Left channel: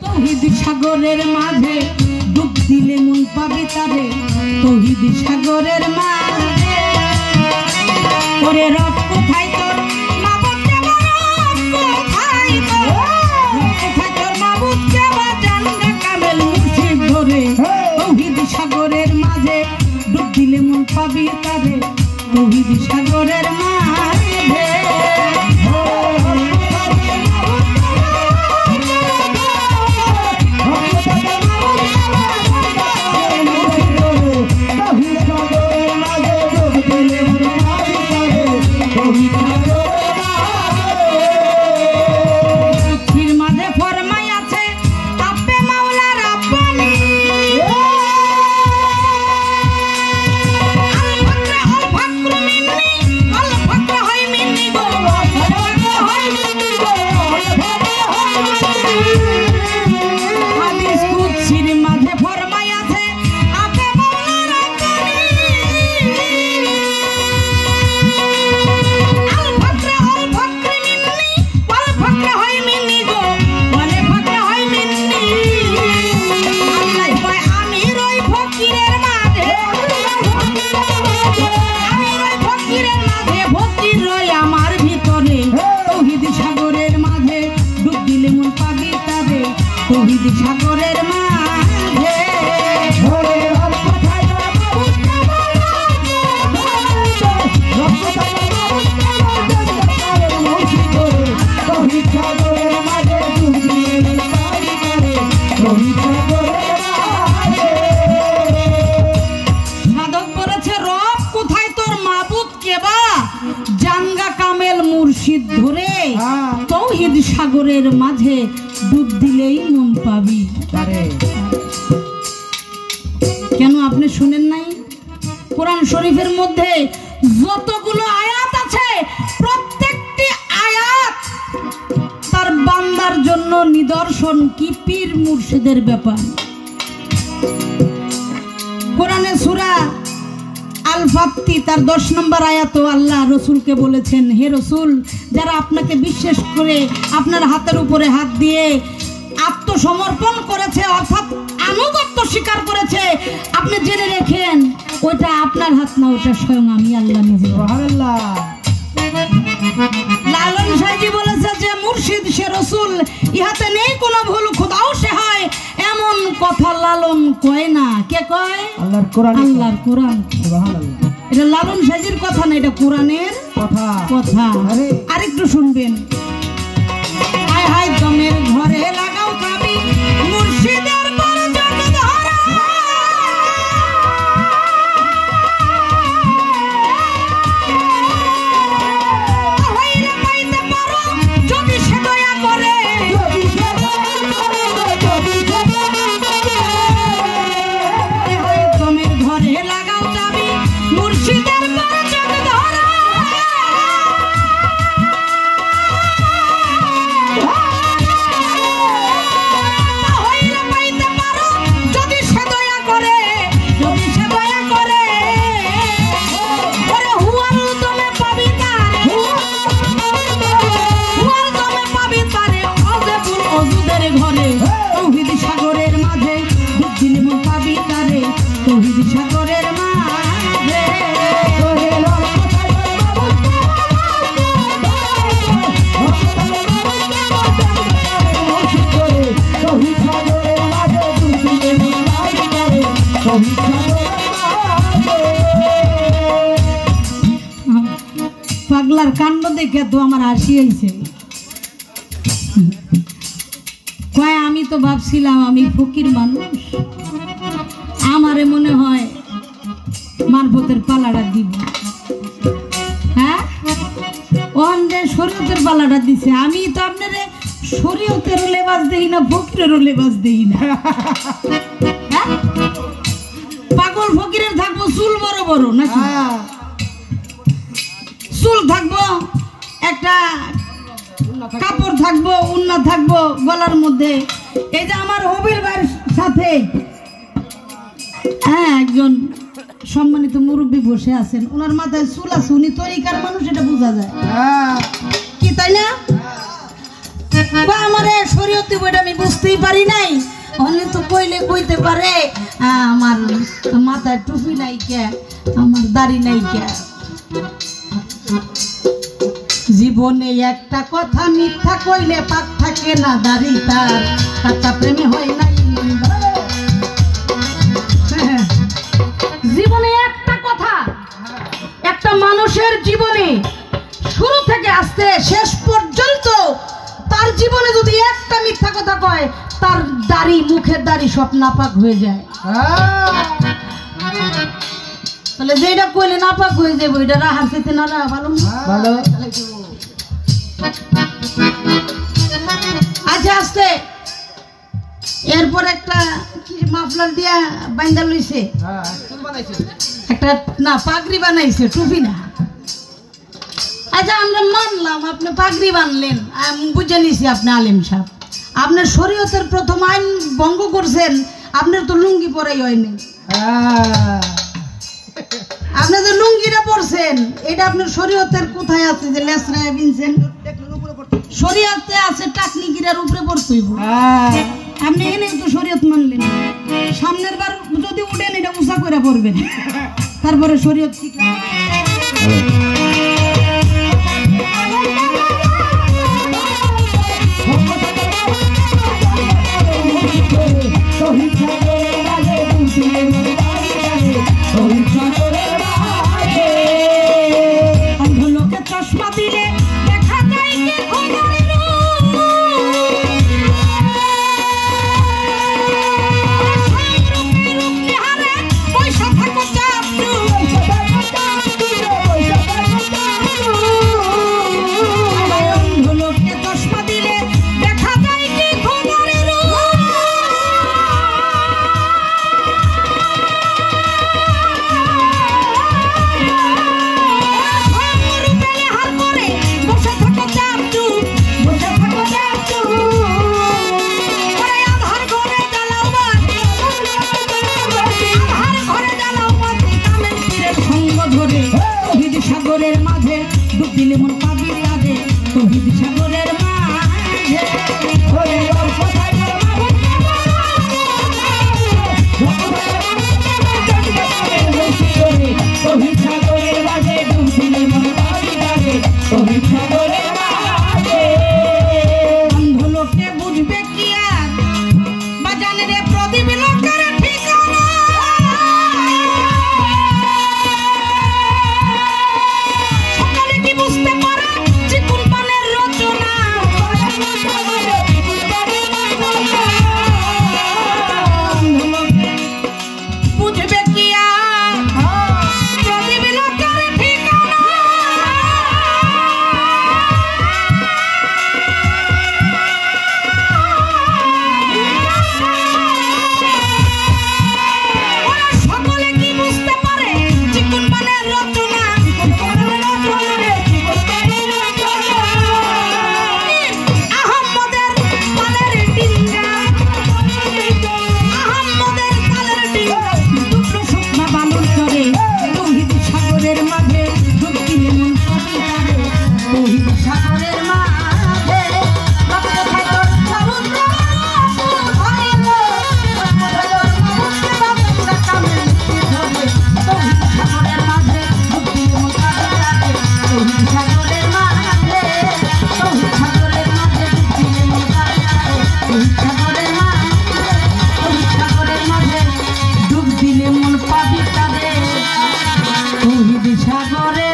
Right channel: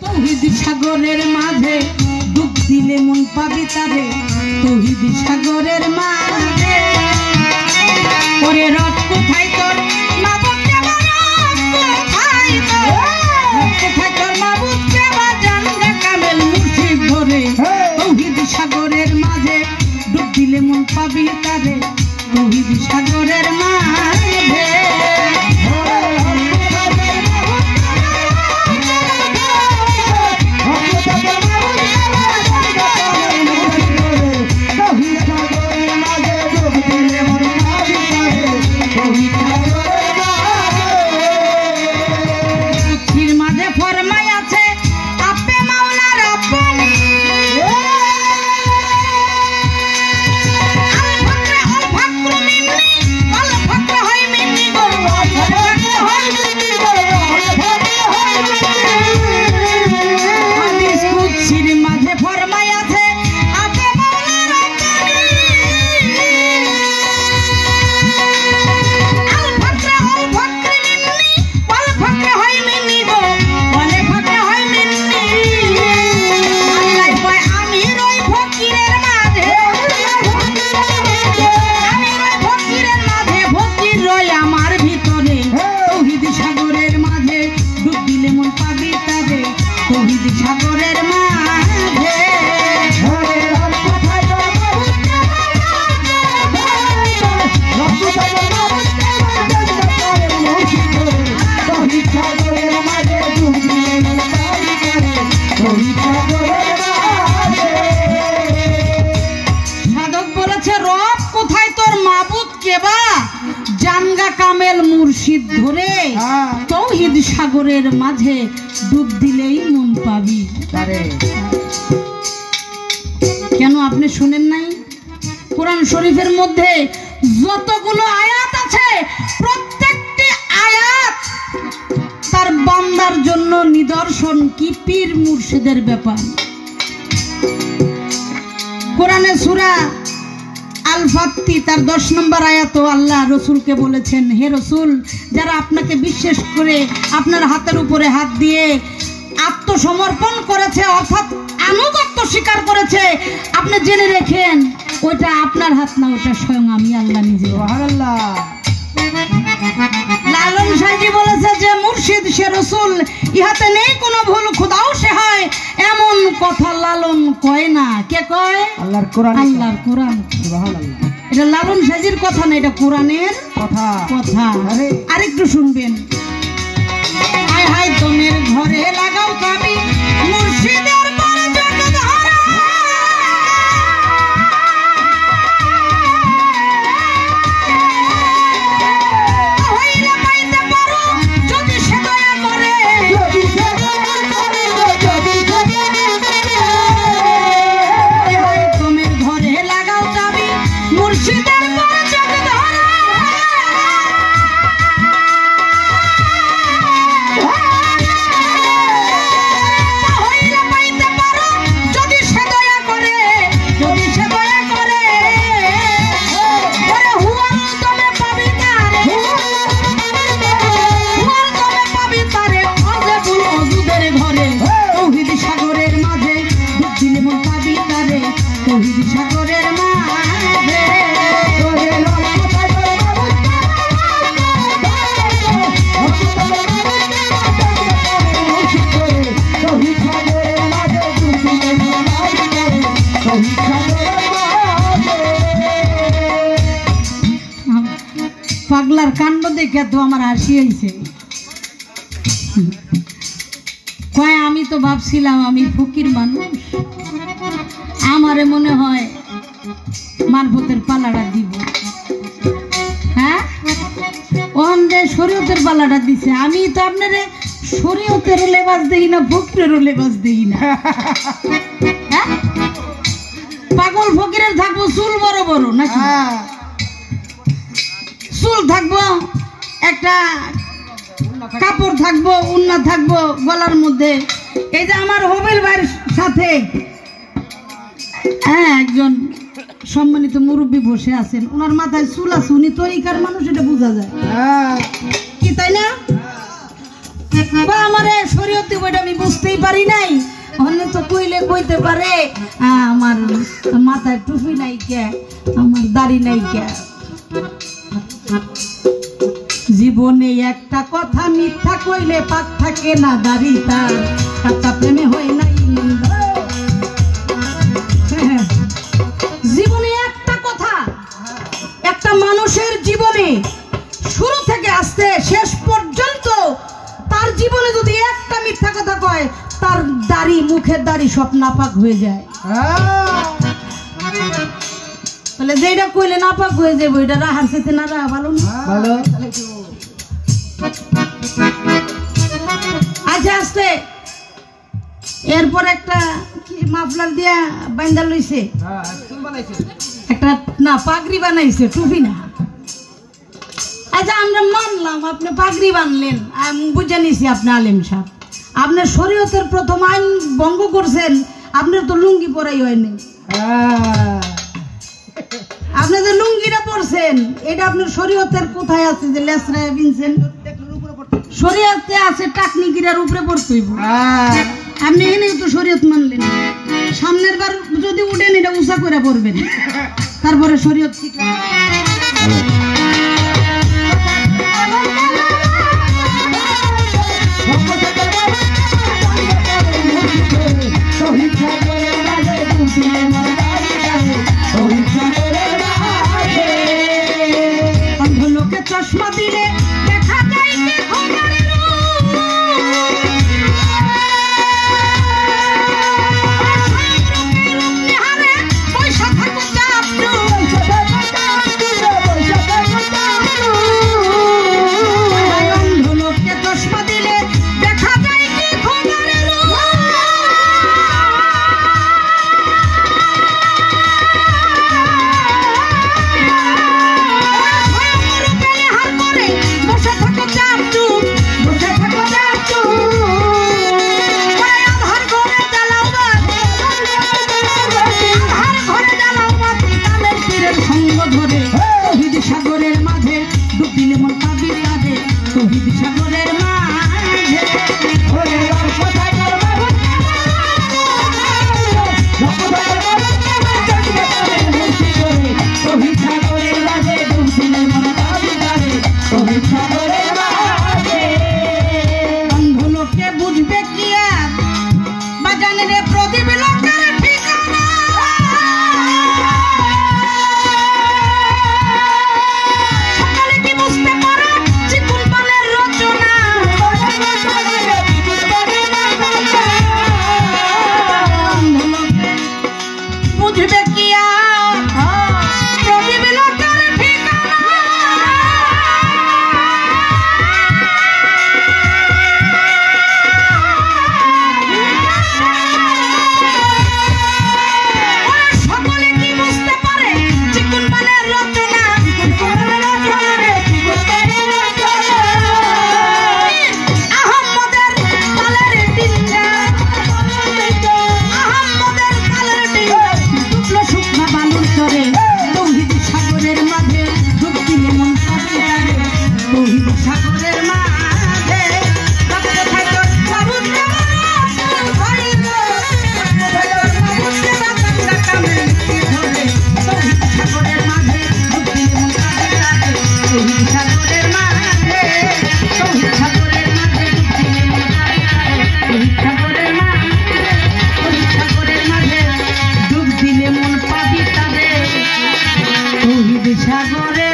তৌহিদ সাগরের মাঝে ডুব দিলে মন পাবি তারে, তৌহিদ সাগরের মাঝে ওরে রব কোথায় তোর মাবুদ কোথায় তোর মাবুদ জানগা কামেল মুর্শিদ ধরে, তৌহিদ সাগরের মাঝে ডুব দিলে মন পাবি তারে, তৌহিদ সাগরের মাঝে। ধরে তৌহিদ সাগরের মাঝে ডুব দিলেই মন পাবি তারে। কেন আপনি শুনেন নাই? কোরআন শরীফের মধ্যে যতগুলো আয়াত আছে প্রত্যেকটি আয়াত তার বান্দার জন্য নিদর্শন, কি পীর মুর্শিদের ব্যাপার। কোরআনে সূরা আল ফাত্তি তার 10 নম্বর আয়াত আল্লাহ রসুলকে বলেছেন, হে রসুল, যারা আপনাকে বিশ্বাস করে আপনার হাতের উপরে হাত দিয়ে আত্মসমর্পণ করেছে অর্থাৎ আনুগত্য স্বীকার করেছে, আপনি জেনে রেখেন ওটা আপনার হাত না, ওটা স্বয়ং আমি আল্লাহ নিজে। লালন সাহেবজি বলেছে যে মুর্শিদ সে রসুল, ইহাতে নেই কোনো ভুল, খোদাও সে হয়, এমন কথা লালন কয় না। কে কয়? আল্লাহর কোরআন। আল্লাহর কোরআন। সুবহানাল্লাহ। এটা লালন সাহেবজির কথা না, এটা কোরআনের কথা। আরেকটু শুনবেন। হায় হায় দমের ঘরে লাগাও চাবি, মুর্শিদের বরজত ধরা, হইলে পাইতে পারো যদি সে দয়া করে, যদি সে দয়া করে, যদি সে দয়া করে। হায় হায় দমের ঘরে লাগাও চাবি, মুর্শিদের বরজত ধরা, পাগলার কাণ্ড দেখে তো আমার হাসি হয়েছে। কয় আমি তো ভাবছিলাম আমি ফকির মানুষ, আমারে মনে হয় মারফতের পালাটা দিব। হ্যাঁ, ওখানে শরীয়তের পালাটা দিছে, আমি তো আপনারে শরীয়তেরও লেবাস দেই না, ফকিরেরও লেবাস দেই না। পাগল ফকিরের থাকবো চুল বড় বড় নাকি, চুল থাকবো, একটা কাপড় থাকবো, উন্না থাকবো গলার মধ্যে। এই যে আমার হবিল ভাইয়ের সাথে একজন সম্মানিত মুরব্বী বসে আছেন, ওনার মাথায় চুল আছে, উনি তরিকার মানুষ, এটা বোঝা যায় কি তাই না? বা আমারে শরীয়তে বইটা আমি বুঝতেই পারি নাই। অন্য তো কইলে কইতে পারে আমার মাথায় টুপি নাই কে, আমার দাড়ি নাই কে। জীবনে একটা কথা মিথ্যা কইলে পাক থাকে না দাড়ি তার, কাটা প্রেমে হয় না। জীবনে একটা কথা, একটা মানুষের জীবনে শুরু থেকে আসতে শেষ পর্যন্ত তার জীবনে যদি একটা মিথ্যা কথা কয়, তার দাড়ি, মুখের দাড়ি সব নাপাক হয়ে যায়। তাহলে যেটা কইলে নাপাক হয়ে যাবে, ওইটা রাহার সাথে না রাহা ভালো ভালো। আচ্ছা আসতে এরপর একটা কি মাফলার দিয়া বাইন্দা লইছে, একটা না পাগড়ি বানাইছে, টুপি না। আচ্ছা আমরা মানলাম আপনি পাগড়ি বানলেন, বুঝে নিছি আপনি আলেম সাহেব, আপনার শরীয়তের প্রথম আইন ভঙ্গ করছেন, আপনার তো লুঙ্গি পরাই হয়নি। আপনাদের লুঙ্গিটা পরছেন, এটা আপনার শরীয়তের কোথায় আছে যে লেসরায় বিনছেন? শরীয়তে আছে টাকনিকিরার উপরে পড়তে হইব। আপনি এখানে তো শরীয়ত মানলেন, সামনের বার যদি উঠেন এটা উঁচা করে পড়বেন, তারপরে শরীয়ত ঠিক লোকে চশমা দিলে দেখা যায় সাগরের মাঝে ডুব দিলে মন পাবি কাঁধে, তহিদ সাগরের মাঝে তহিদ সাগরের মাঝে ডুব দিলে মন পাবি কাঁধে, তহিদ সাগরের মাঝে। অন্ধ লোকে বুঝবে কি আর বা জানে রে প্রদীপ লোকের ঠিকানা, বুঝবে কি আর প্রদীপ লোকের ঠিকানা। সকলে কি বুঝতে পারে চিকুন বানের রচনা, আহম্মদের কালের ডিঙ্গা, আহম্মদের কালের ডিঙ্গা দুটো শুকনো বালুর চরে, তহিদ সাগরের মাঝে ডুব দিলে মন পাবি কাঁধে, তহিদ সাগরের মাঝে ডুব দিলে মন পাবি কাঁধে, তহিদ সাগরে।